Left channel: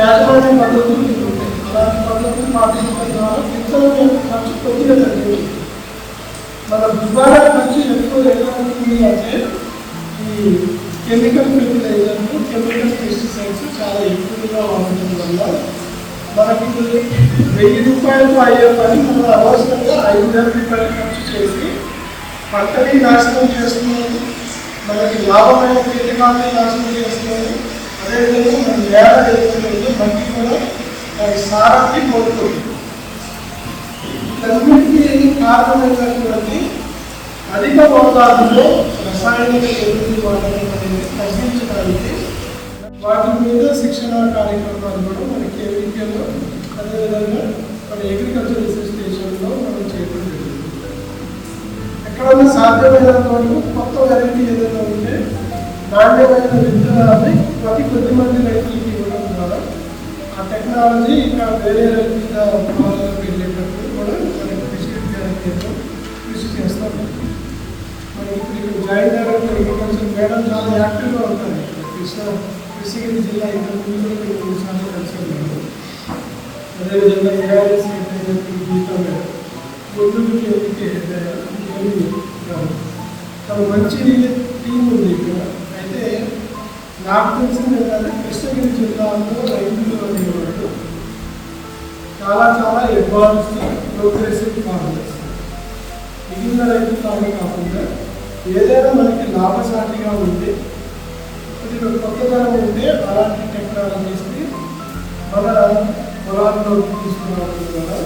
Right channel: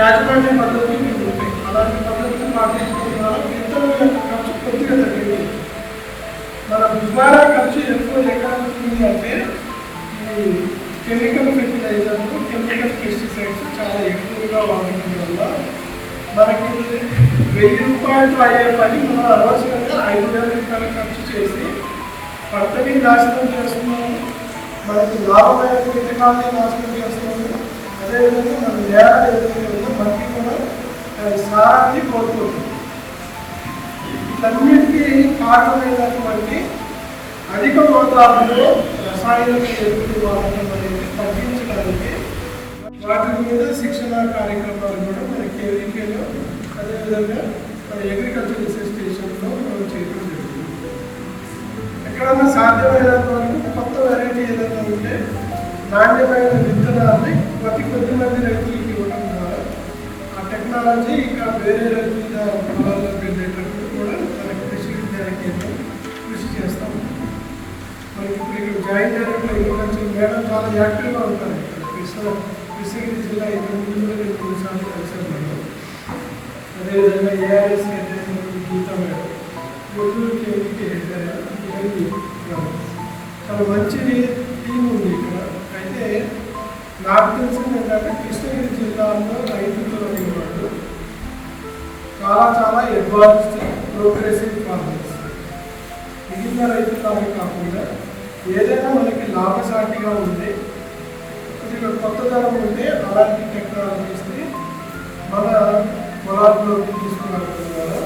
యాజమాన్య పద్ధతులు ఉంటాయి. అలాంటి పద్ధతులు పాటించడం ద్వారా విత్తనం యొక్క ఖర్చు కొద్దిగా తగ్గింది. మన దుబారా ఖర్చు ఎక్కువ ఎక్కడ ఉంటుంది అంటే ఈ కెమికల్ ఫెర్టిలైజర్లు, కెమికల్ పెస్టిసైడ్స్ చాలా ఎక్కువగా వాడటం వల్ల మనకి 1000 రూపాయలతో అయ్యే పని మనం అవసరంగా 5000 రూపాయలు ఖర్చు చేసి పంటని నాశనం చేస్తున్నాము, మనకి లాభమైన కీటకాలని నాశనం చేస్తున్నాము. అదేవిధంగా మన నేల ఎదుగుతుందో మట్టి కూడా సారాన్ని కోరుతుంది. వీటన్నిటికీ కారణమైనటువంటి అధిక మోతాదులో రసాయనిక ఎరువులు వాడటం అనేది తగ్గించడానికి వాటి మీద శిక్షణా కార్యక్రమాలు కూడా మన కేవీకేలో, అదేవిధంగా మన అగ్రికల్చర్ రీసెర్చ్ స్టేషన్లో మనం చేయడం జరుగుతుంది. ఎక్కడన్నా సాధ్యమైనంత వరకు కొత్త వెరైటీ ఏదైనా ఉంటే నాణ్యమైన విత్తనాన్ని కొద్ది మంది రైతులకి ఇవ్వడం ద్వారా ఆ టెక్నాలజీ ఇంకా వేరే రైతుల పొలాల్లోకి వెళ్ళేటప్పుడు కూడా మన కృషి విజ్ఞాన కేంద్రం కృషి చేస్తాం. మనకి ఇప్పుడు జాయింట్ డైరెక్టర్ అగ్రికల్చర్ మేడం చాలా యాక్టివ్గా ఉంటారు. కృష్ణగిరి జిల్లా ఇంతకుముందు 3 సార్లు కలిసి ఉన్నాను. అదేవిధంగా ఏఆర్ఎస్ హెడ్ అయినప్పుడు గీతా మేడం, గుంటూరు కేంద్రీకి హెడ్ అయ్యారు. చాలా మంచి టీం ఉంది ఇక్కడ. అయితే నాకు తెలిసింది ఏంటంటే కృష్ణగిరి జిల్లాలో రైతులు అనేవాళ్ళు చాలా అడ్వాన్స్డ్ ప్రోగ్రెసివ్ ఫార్మర్స్. మిగిలిన రైతులనే కాకుండా ఏదైనా మనకి లాభసాటిగా ఉంటే, కొద్దిగా కొత్తదనం ఉంటే అలాంటి టెక్నాలజీస్ని మన పొలాల్లోకి తీసుకురావడం ద్వారా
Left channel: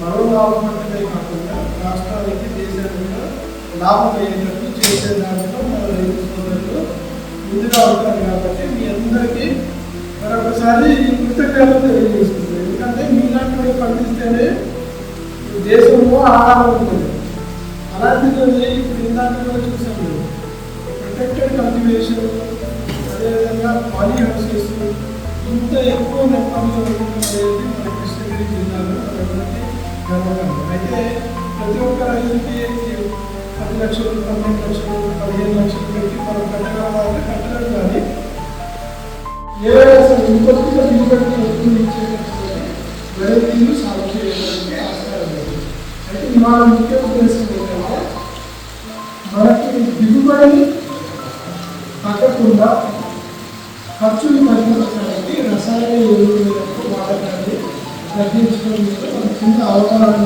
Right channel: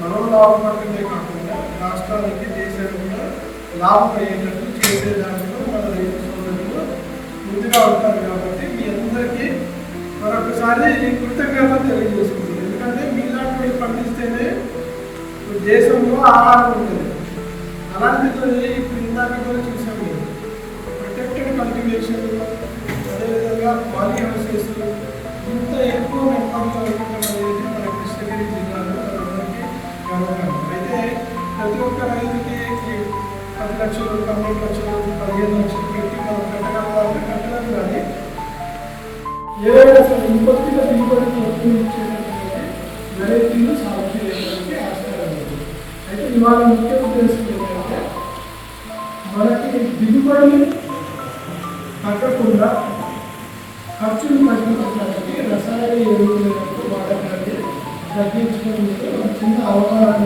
మనం లాభపడటమే కాకుండా రాష్ట్రానికి, దేశానికి కూడా లాభం అయ్యేటట్టు చేసే దాంట్లో మన రైతు సోదరులు ముందుగా ఉంటారు. కాబట్టి మీ అందరికీ మరొకసారి కృతజ్ఞతలు తెలియజేస్తుంది. ఎందుకంటే మీలాంటి పండిస్తేనే దేశంలో ఆహారం ఉంటుంది. అలాంటిది ఇప్పుడు ఇందాక కూడా చూసాం మేము ప్రొటెక్టెడ్ కల్టివేషన్, అదేవిధంగా పాలీ హౌసెస్ ఇంత ఎక్కువ నెంబర్లో ఉండడం అనేది మన కృష్ణగిరి జిల్లాలో మనందరికీ గర్వకారణం. అయితే ప్రతి ఒక్క రైతుకి 10 లక్షలు, 12 లక్షలు, 15 లక్షలు పెట్టి మనం పెట్టగలవాలంటే పెట్టలేము. కానీ ఏదైనా సరే ఇంకొద్దిగా దిగుబడి ఇచ్చేటటువంటి వెరైటీలు సాగు చేయడానికి ఆస్కారం లేదు. అయితే ఇవాళ ముఖ్య ఉద్దేశం ఏంటంటే మనకి దిగుబడి తగ్గకుండా ఖర్చులు తగ్గించడానికి రసాయన ఎరువుల వాడకాన్ని తగ్గించడం మీద చిన్న అవగాహన